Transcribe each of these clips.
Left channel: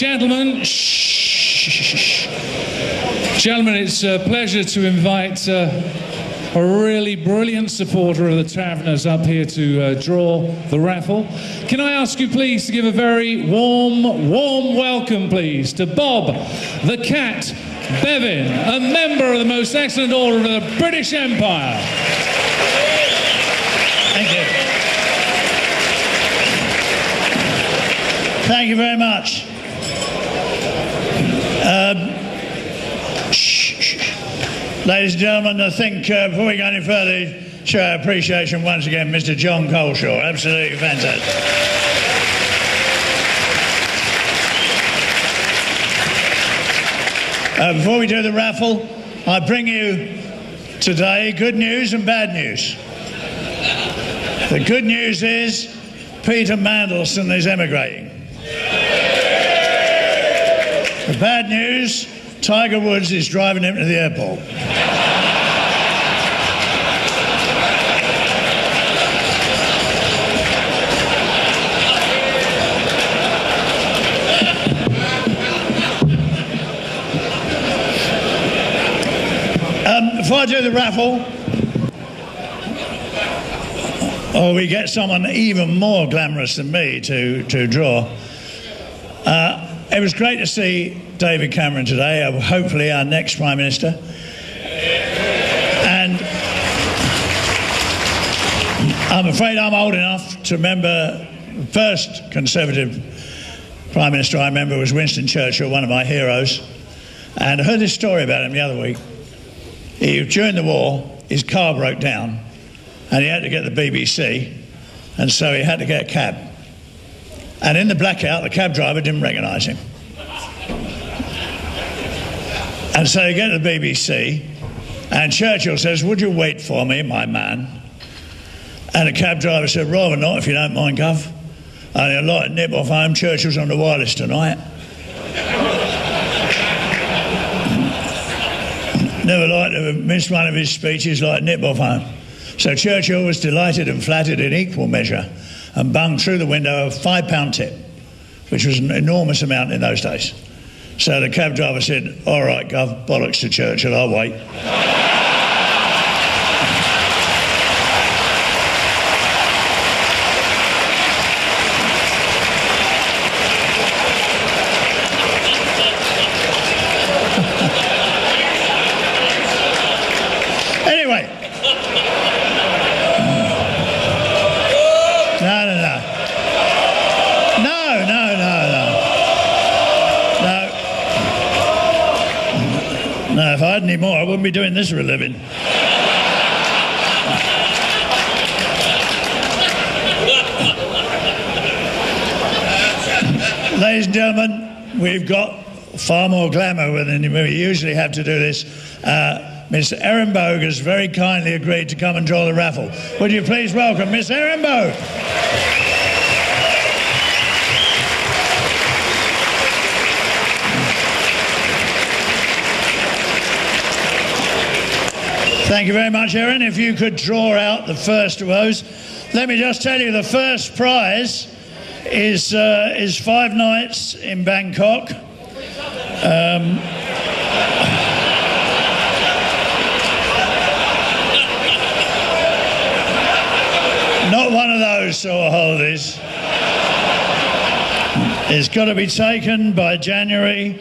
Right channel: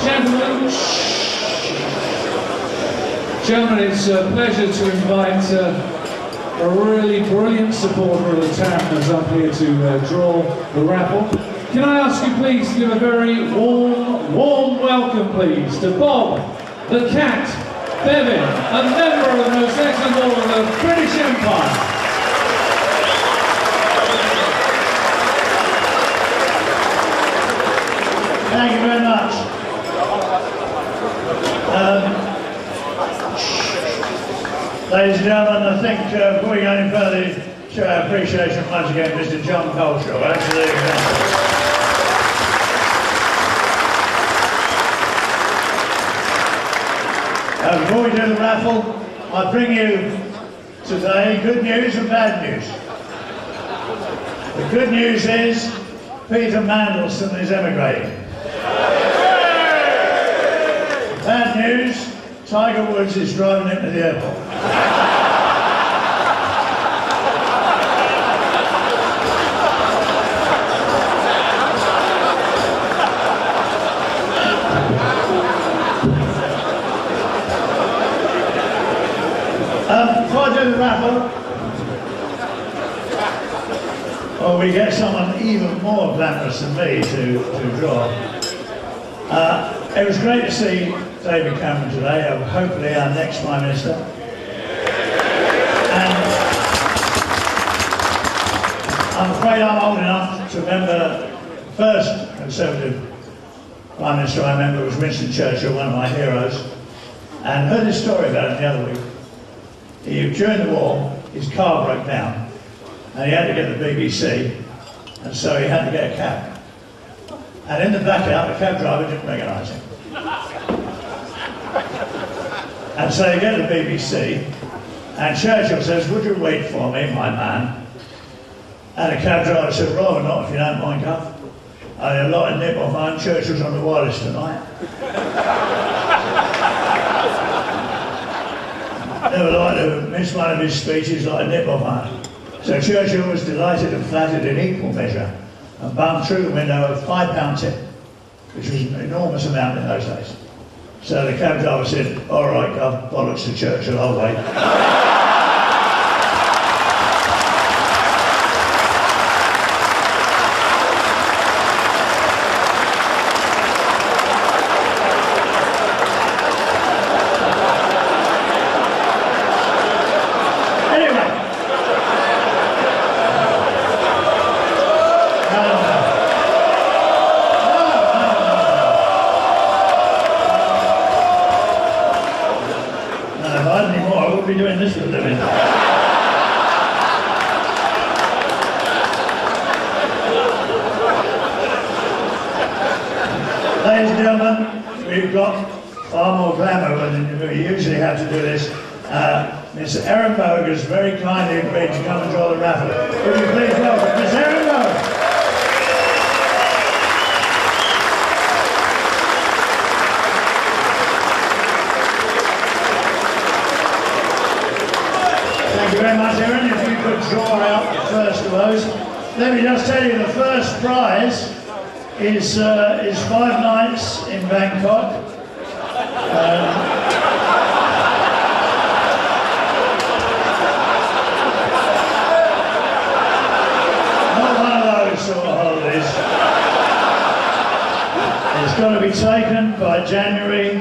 Gentlemen, Gentlemen, it's a pleasure to invite a really brilliant supporter of the Taverners up here to draw the raffle. Can I ask you please to give a very warm welcome please to Bob the Cat Bevan, a member of the most excellent order of the British Empire. Thank you very much. Ladies and gentlemen, I think before we go any further, show our appreciation once again, Mr. John Coleshaw. Absolutely fantastic. Before we do the raffle, I bring you today good news and bad news. The good news is Peter Mandelson is emigrating. The bad news, Tiger Woods is driving him to the airport. Before I do the raffle, we get someone even more glamorous than me to draw. It was great to see David Cameron today, hopefully our next Prime Minister. And I'm afraid I'm old enough to remember the first Conservative Prime Minister I remember was Winston Churchill, one of my heroes. And I heard this story about him the other week. During the war, his car broke down and he had to get the BBC, and so he had to get a cab. And in the blackout, the cab driver didn't recognise him. And so they get the BBC, and Churchill says, "Would you wait for me, my man?" And the cab driver said, "Rather not, if you don't mind, Gov. I'd like to nip off home. Churchill's on the wireless tonight." Never like to have missed one of his speeches like nip off home. So Churchill was delighted and flattered in equal measure and bunged through the window a £5 tip, which was an enormous amount in those days. So the cab driver said, "All right, Gov, bollocks to Churchill, I'll wait." Doing this for a living. Ladies and gentlemen, we've got far more glamour than we usually have to do this. Mr. Aaron Bogue has very kindly agreed to come and draw the raffle. Would you please welcome Mr. Aaron Bogue? Thank you very much, Aaron. If you could draw out the first of those. Let me just tell you, the first prize is 5 nights in Bangkok. Not one of those sort of holidays. It's got to be taken by January.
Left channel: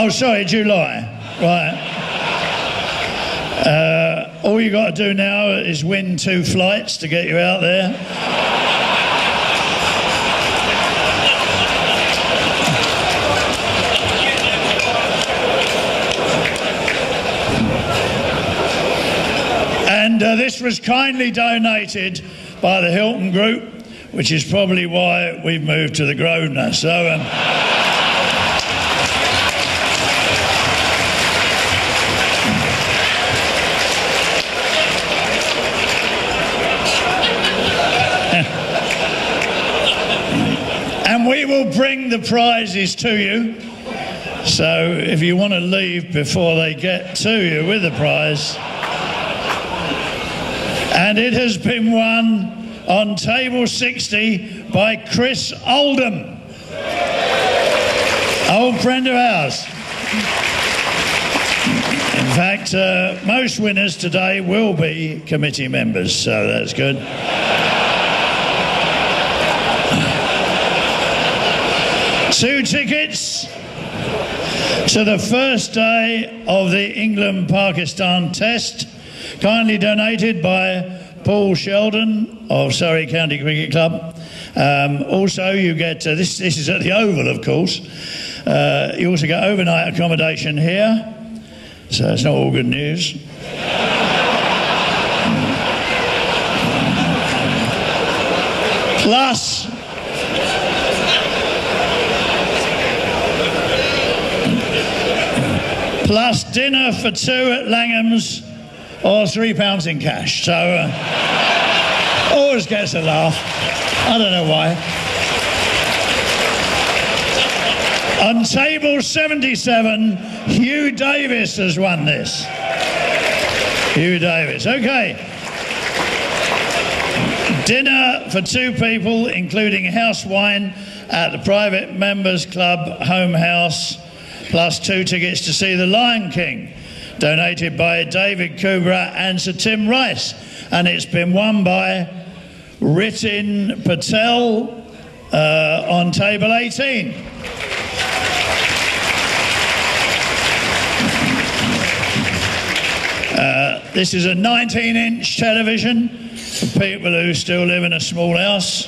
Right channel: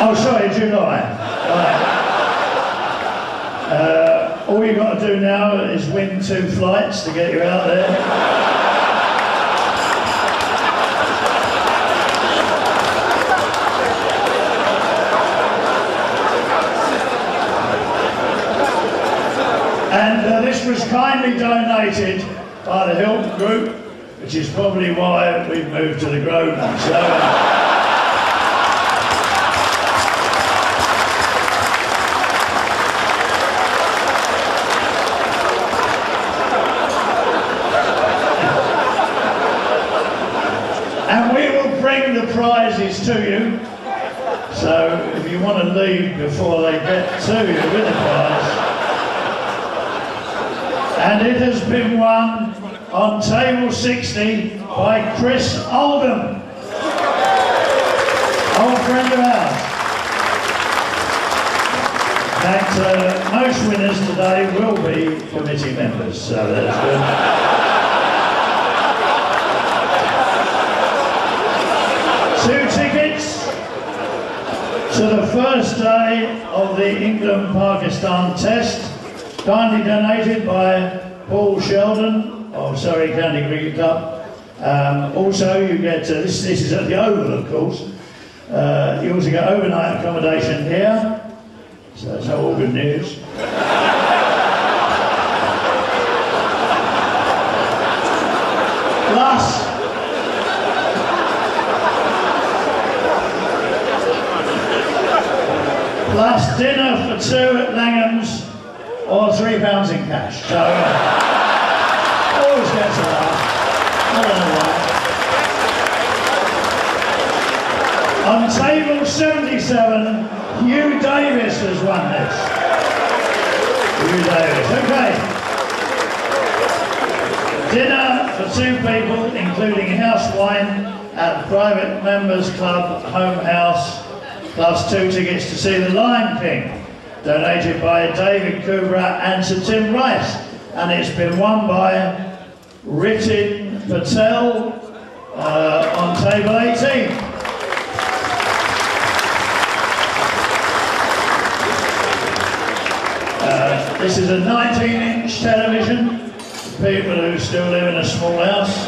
Oh, sorry, July. Right. All you've got to do now is win 2 flights to get you out there. And this was kindly donated by the Hilton Group, which is probably why we've moved to the Grosvenor. So. The prizes to you, so if you want to leave before they get to you with a prize. And it has been won on table 60 by Chris Oldham. Old friend of ours. In fact, most winners today will be committee members, so that's good. Two tickets to the first day of the England-Pakistan Test, kindly donated by Paul Sheldon of Surrey County Cricket Club. Also, you get, this is at the Oval, of course. You also get overnight accommodation here, so it's not all good news. Plus dinner for two at Langham's, or £3 in cash. So, always gets a laugh. I don't know why. On table 77, Hugh Davis has won this. Hugh Davis, okay. Dinner for two people, including house wine at the Private Members Club Home House, plus two tickets to see The Lion King, donated by David Kubra and Sir Tim Rice. And it's been won by Ritin Patel on table 18. This is a 19-inch television for people who still live in a small house.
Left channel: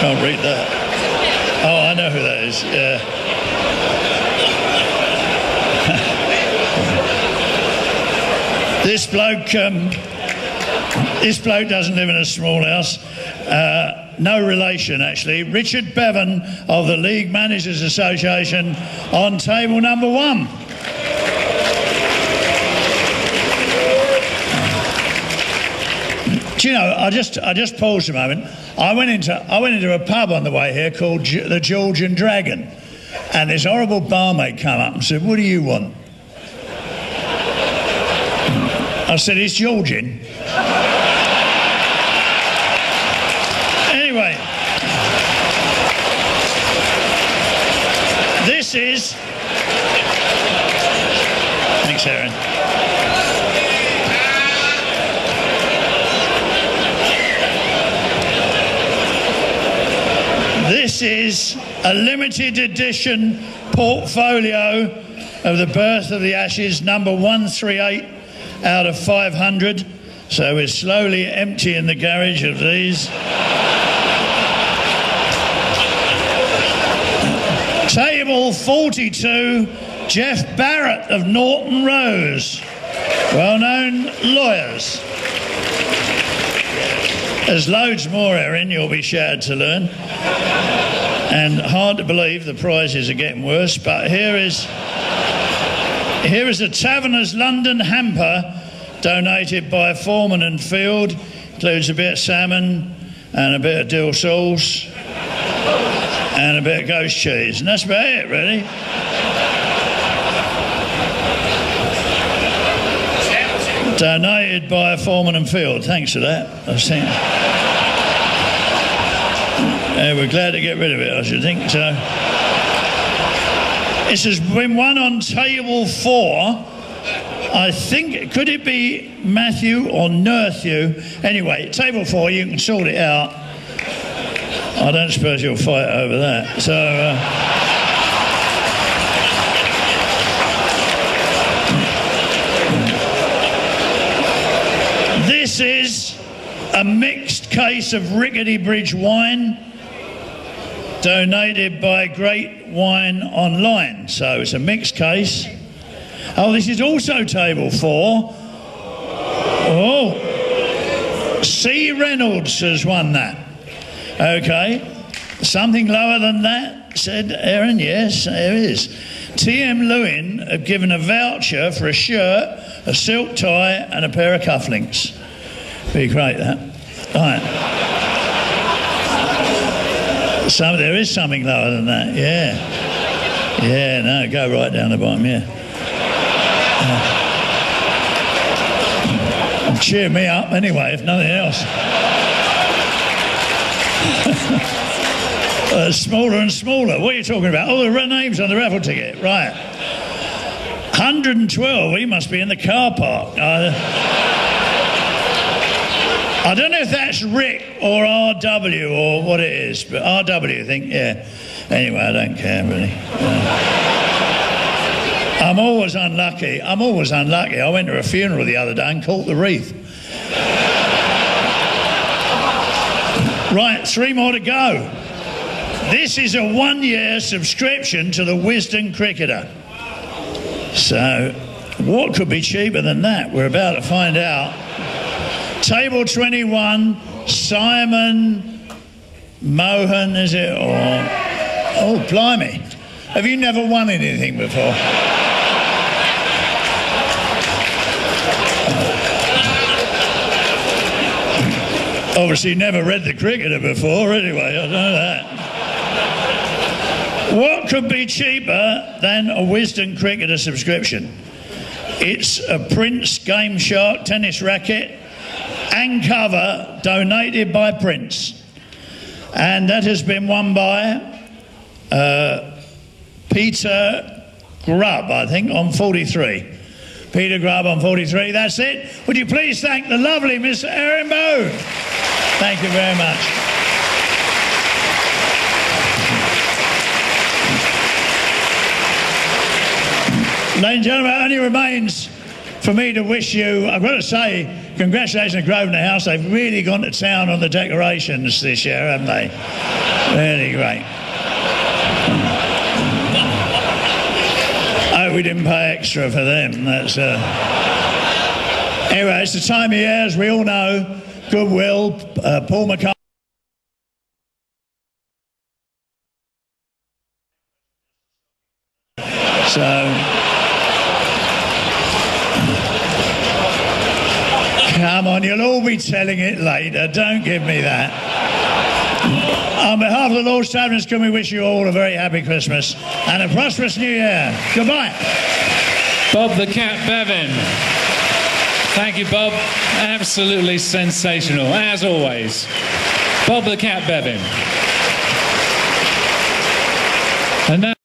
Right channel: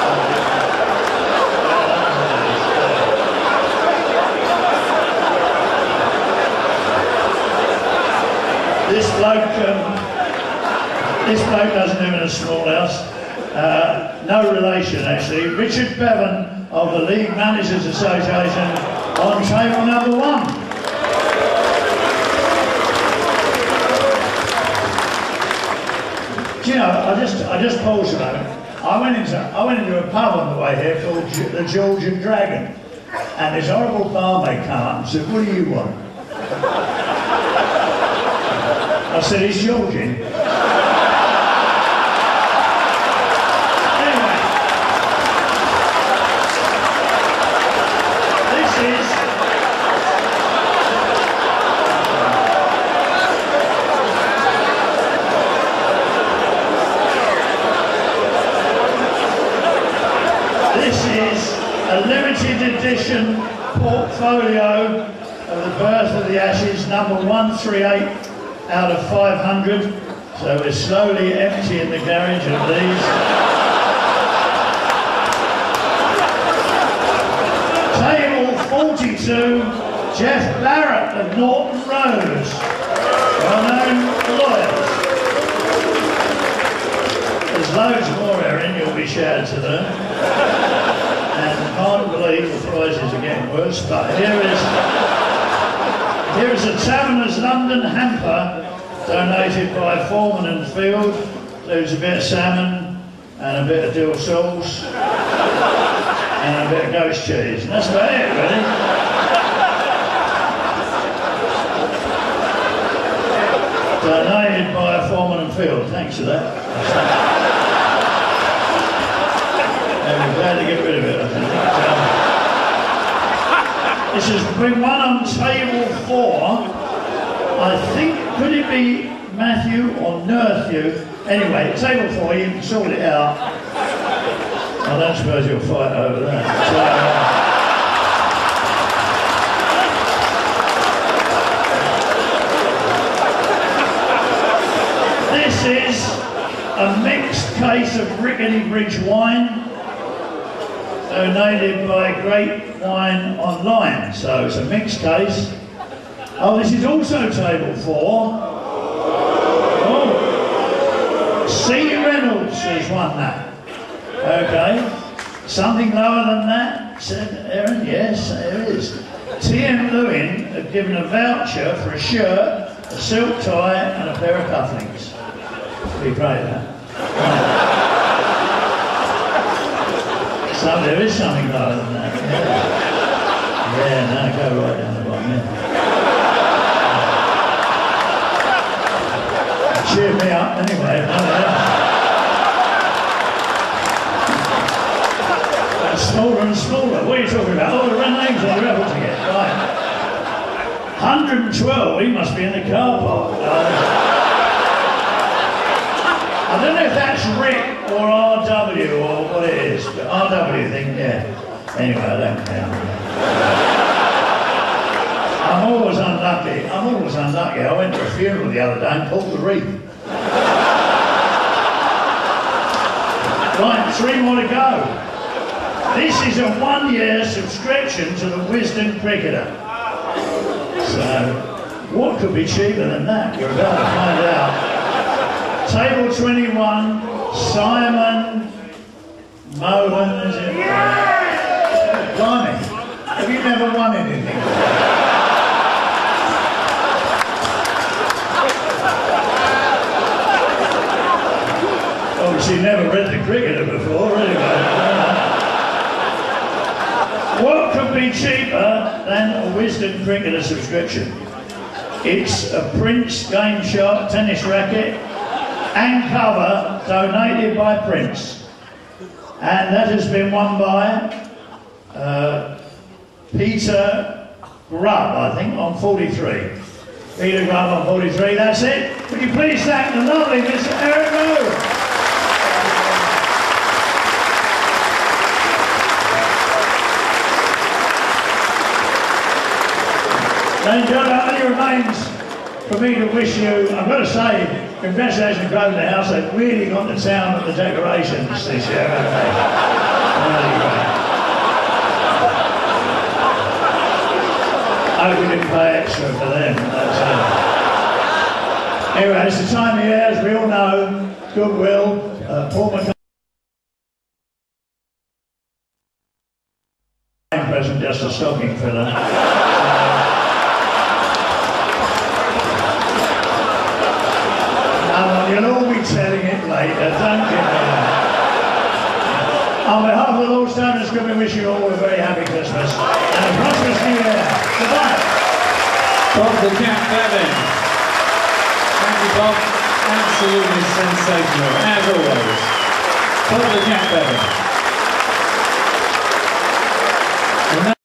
Can't read that. Oh, I know who that is. This bloke doesn't live in a small house. No relation, actually. Richard Bevan of the League Managers Association on table number 1. Do you know, I just paused a moment. I went into a pub on the way here called the Georgian Dragon, and this horrible barmaid came up and said, "What do you want?" I said, "It's Georgian." This is a limited edition portfolio of the Birth of the Ashes, number 138 out of 500. So we're slowly emptying the garage of these. Table 42, Jeff Barrett of Norton Rose, well-known lawyers. There's loads more, Erin, you'll be sure to learn. And hard to believe the prizes are getting worse, but here is the Taverners London hamper, donated by Foreman and Field. Includes a bit of salmon and a bit of dill sauce and a bit of ghost cheese. And that's about it, really. Donated by Foreman and Field. Thanks for that. We're glad to get rid of it, I should think. This has been won on table 4. I think, could it be Matthew or Nerthew? Anyway, table 4, you can sort it out. I don't suppose you'll fight over that. So, this is a mixed case of Rickety Bridge wine, donated by Great Wine Online. So it's a mixed case. Oh, this is also table 4. Oh, C. Reynolds has won that. Okay. Something lower than that, said Erin. Yes, there it is. T.M. Lewin have given a voucher for a shirt, a silk tie and a pair of cufflinks. Pretty great, that. Right. So there is something lower than that, yeah. Yeah, no, go right down the bottom, yeah. Cheer me up anyway, if nothing else. Smaller and smaller. What are you talking about? Oh, the names on the raffle ticket. Right. 112. He must be in the car park. I don't know if that's Rick or RW or what it is, but RW, I think, yeah. Anyway, I don't care really. I'm always unlucky. I went to a funeral the other day and caught the wreath. Right, 3 more to go. This is a 1-year subscription to the Wisden Cricketer. So, what could be cheaper than that? We're about to find out. Table 21, Simon Mohan, is it? Oh, blimey. Have you never won anything before? Obviously never read the Cricketer before, anyway. What could be cheaper than a Wisden Cricketer subscription? It's a Prince Game Shark tennis racket and cover donated by Prince. And that has been won by Peter Grubb, I think, on 43. Peter Grubb on 43, that's it. Would you please thank the lovely Mr. Aaron Moe? Thank you very much. Ladies and gentlemen, it only remains for me to wish you, I've got to say, congratulations, Grosvenor House. They've really gone to town on the decorations this year, haven't they? Really great. I hope we didn't pay extra for them. That's, Anyway, it's the time of year, as we all know, Goodwill, Paul McCartney. Present, just a stocking filler. So. You'll all be telling it later, don't give me that. On behalf of the Lord's Towners, can we wish you all a very happy Christmas and a prosperous New Year. Goodbye. Bob the Cat Bevan. Thank you, Bob. Absolutely sensational, as always. Bob the Cat Bevan. And now